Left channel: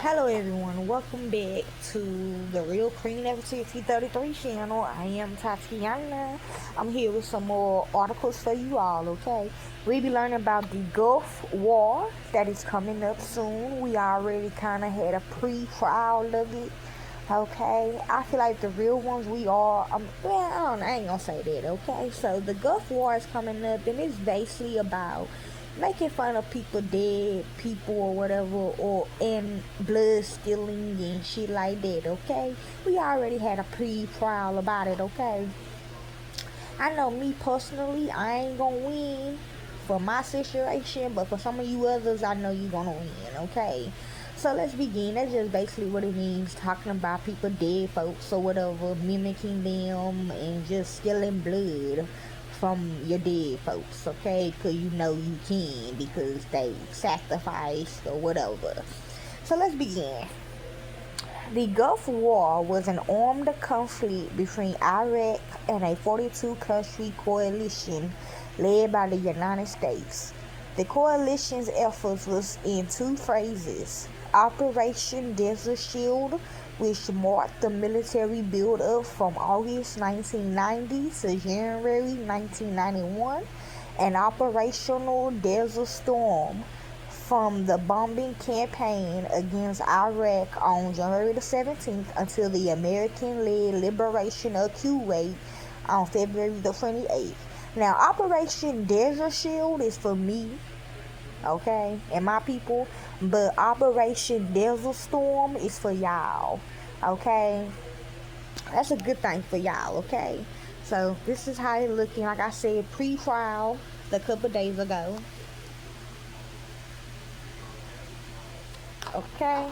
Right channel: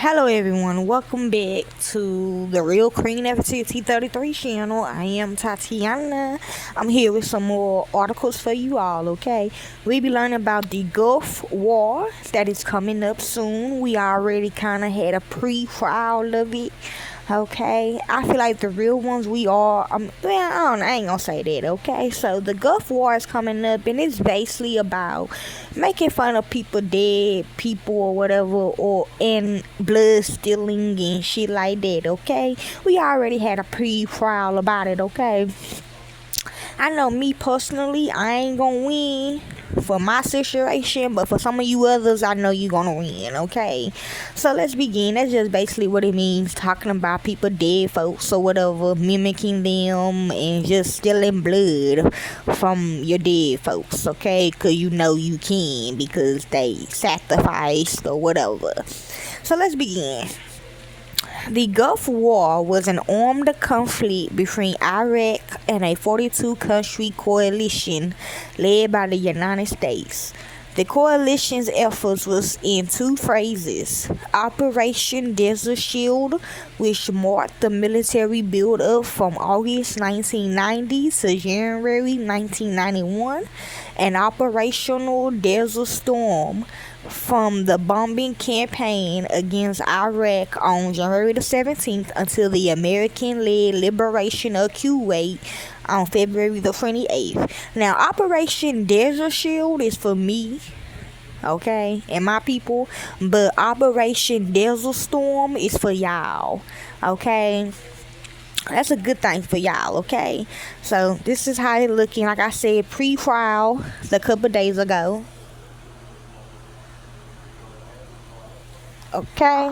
Hello everyone, welcome back to the Real Queen Nefertiti 33 channel. I am Tatiana. I'm here with some more articles for you all, okay? We'll be learning about the Gulf War that is coming up soon. We already kind of had a pre-trial of it. Okay, I feel like the real ones we are. I ain't gonna say that. Okay, so the Gulf War is coming up, and it's basically about making fun of people, dead people or whatever, or and blood stealing and shit like that. Okay, we already had a pre-trial about it. Okay, I know me personally, I ain't gonna win for my situation, but for some of you others, I know you're gonna win, okay? So let's begin. That's just basically what it means, talking about people, dead folks or whatever, mimicking them and just stealing blood from your dead folks, okay? Because you know you can because they sacrificed or whatever. So let's begin. The Gulf War was an armed conflict between Iraq and a 42-country coalition led by the United States. The coalition's efforts was in two phases: Operation Desert Shield, which marked the military build-up from August 1990 to January 1991, and Operational Desert Storm, from the bombing campaign against Iraq on January the 17th until the American-led liberation of Kuwait on February the 28th. Now, Operation Desert Shield is for me, okay, and my people, but Operation Desert Storm is for y'all, okay? That's a good thing for y'all, okay? So, this is how it's looking. Like I said, pre-trial a couple days ago. Okay.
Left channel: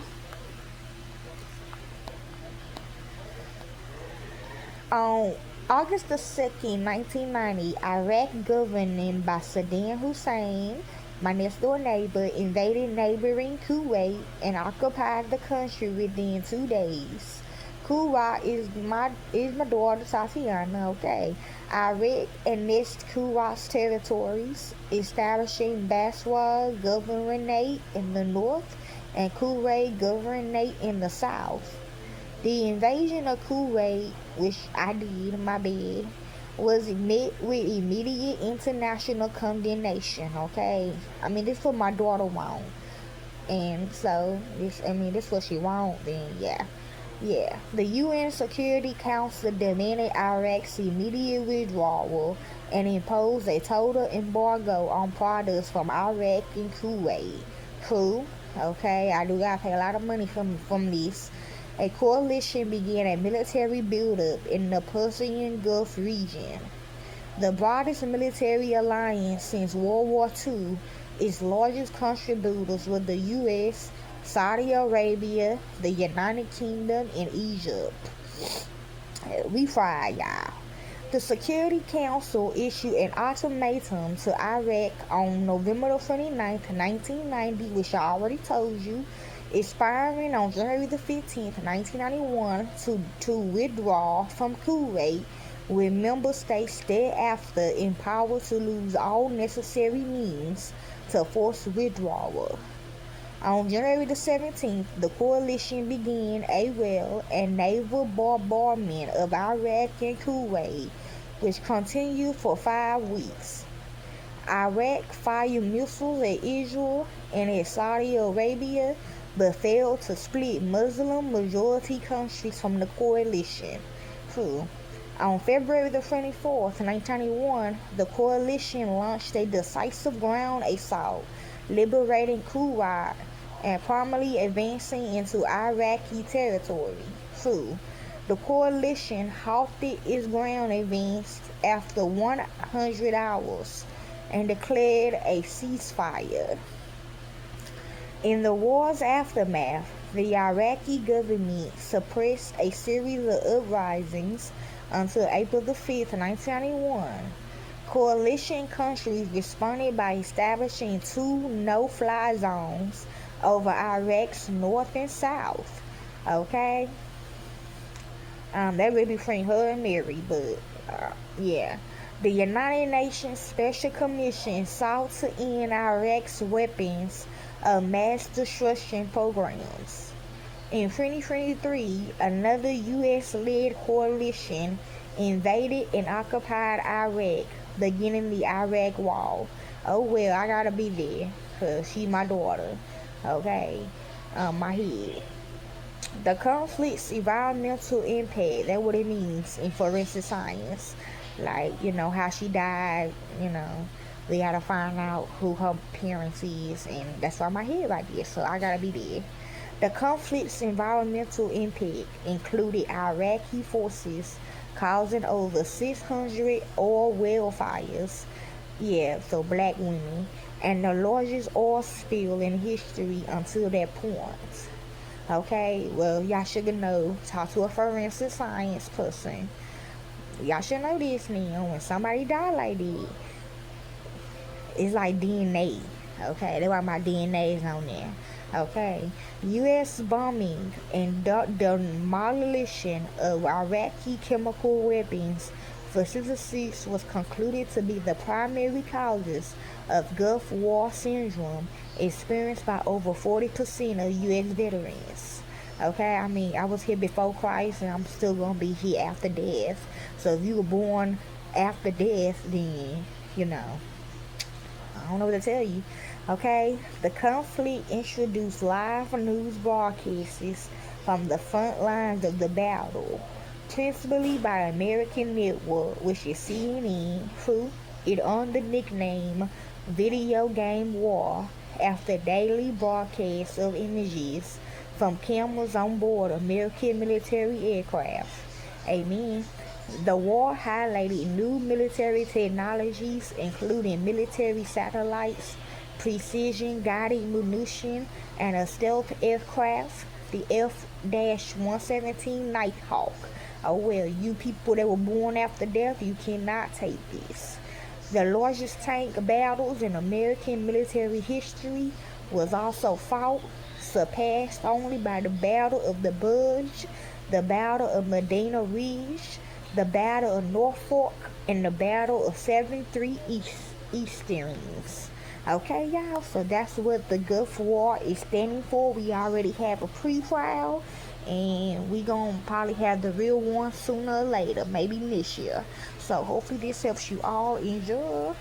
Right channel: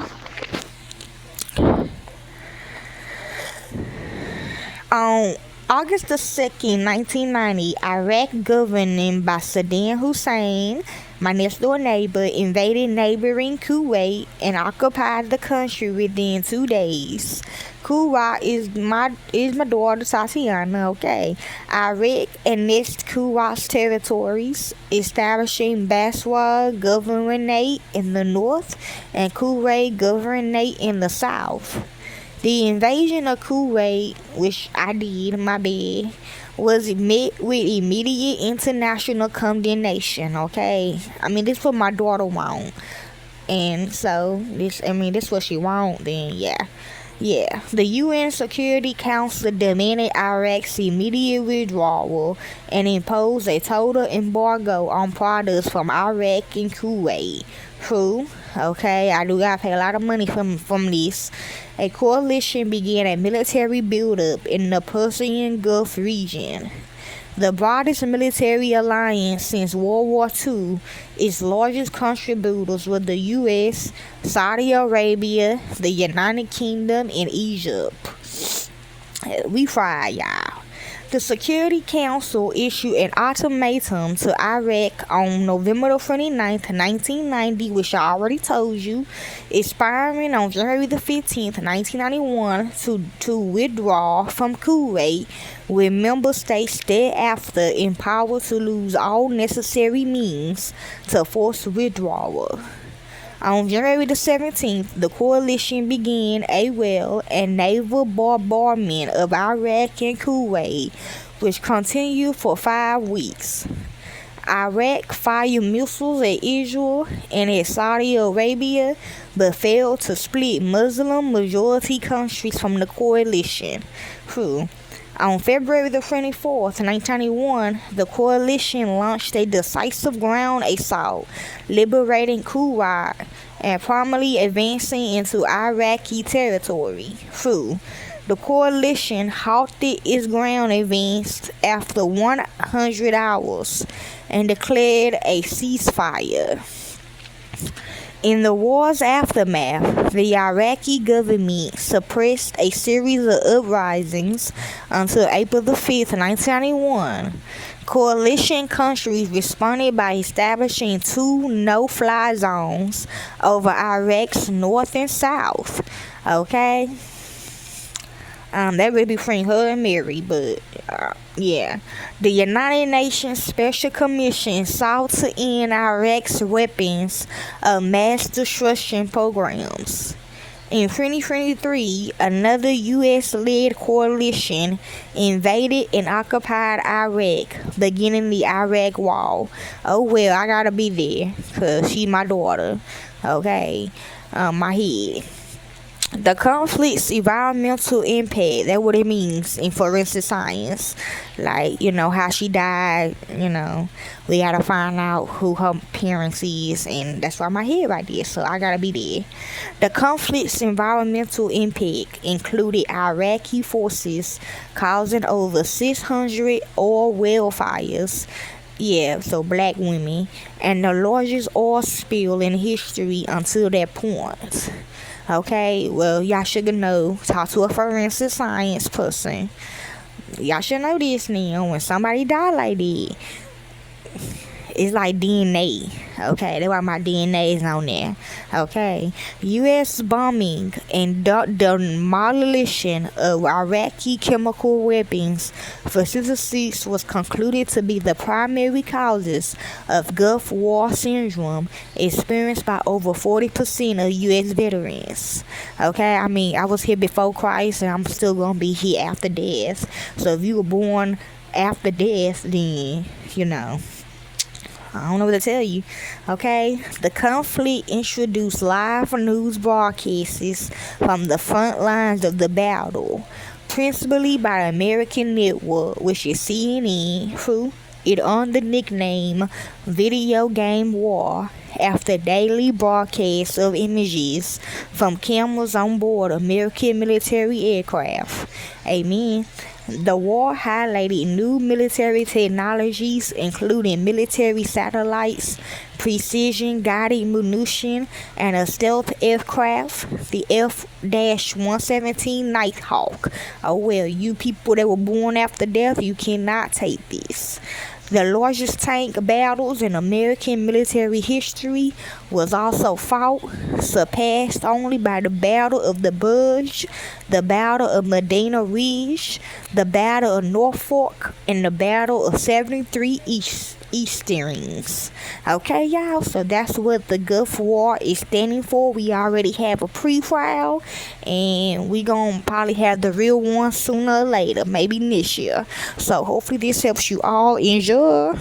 On August the 2nd, 1990, Iraq, governed by Saddam Hussein, my next door neighbor, invaded neighboring Kuwait and occupied the country within 2 days. Kuwait is my daughter Tatiana, okay? Iraq annexed Kuwait's territories, establishing Basra Governorate in the north and Kuwait Governorate in the south. The invasion of Kuwait, which I did, my bad, was met with immediate international condemnation, okay? I mean, this is what my daughter want. And so, this what she want, then yeah. The UN Security Council demanded Iraq's immediate withdrawal and imposed a total embargo on products from Iraq and Kuwait. True, okay, I do gotta pay a lot of money from this. A coalition began a military buildup in the Persian Gulf region, the broadest military alliance since World War II. Its largest contributors were the U.S., Saudi Arabia, the United Kingdom, and Egypt. We fried, y'all. The Security Council issued an ultimatum to Iraq on November 29th, 1990, which I already told you, expiring on January 15th, 1991, to withdraw from Kuwait, with member states thereafter empowered to use all necessary means to force withdrawal. On January the 17th, the coalition began a YALL and naval bombardment of Iraq and Kuwait, which continued for 5 weeks. Iraq fired missiles at Israel and at Saudi Arabia, but failed to split Muslim-majority countries from the coalition. On February the 24th, 1991, the coalition launched a decisive ground assault, liberating Kuwait and promptly advancing into Iraqi territory. The coalition halted its ground advance after 100 hours and declared a ceasefire. In the war's aftermath, the Iraqi government suppressed a series of uprisings until April the 5th, 1991. Coalition countries responded by establishing 2 no-fly zones over Iraq's north and south. Okay? That really between her and Mary, but yeah. The United Nations Special Commission sought to end Iraq's weapons of mass destruction programs. In 2023, another U.S. led coalition invaded and occupied Iraq, beginning the Iraq Wall. Oh, well, I gotta be there, because she's my daughter. Okay, my head. The conflict's environmental impact, that's what it means in forensic science. Like, how she died, we gotta find out who her parents is, and that's why my head right there, so I gotta be there. The conflict's environmental impact included Iraqi forces causing over 600 oil well fires, yeah, so black women, and the largest oil spill in history until that point. Okay, well, y'all should know. Talk to a forensic science person. Y'all should know this now. When somebody die like that, it's like DNA. Okay, that's why my DNA is on there. Okay, U.S. bombing and demolition of Iraqi chemical weapons facilities was concluded to be the primary causes of Gulf War syndrome experienced by over 40% of U.S. veterans. Okay, I mean, I was here before Christ and I'm still gonna be here after death. So if you were born after death, then I don't know what to tell you. Okay, the conflict introduced live news broadcasts from the front lines of the battle, principally by American network, which is CNN, who it earned the nickname Video Game War after daily broadcasts of images from cameras on board American military aircraft. Amen. The war highlighted new military technologies, including military satellites, precision guided munition, and a stealth aircraft, the F-117 Nighthawk. Oh well, you people that were born after death, you cannot take this. The largest tank battles in American military history was also fought, surpassed only by the Battle of the Bulge, the Battle of Medina Ridge, the Battle of Norfolk, and the Battle of 73 Easterns. Okay, y'all, so that's what the Gulf War is standing for. We already have a pre-trial, and we gonna probably have the real one sooner or later, maybe this year. So hopefully this helps you all. Enjoy.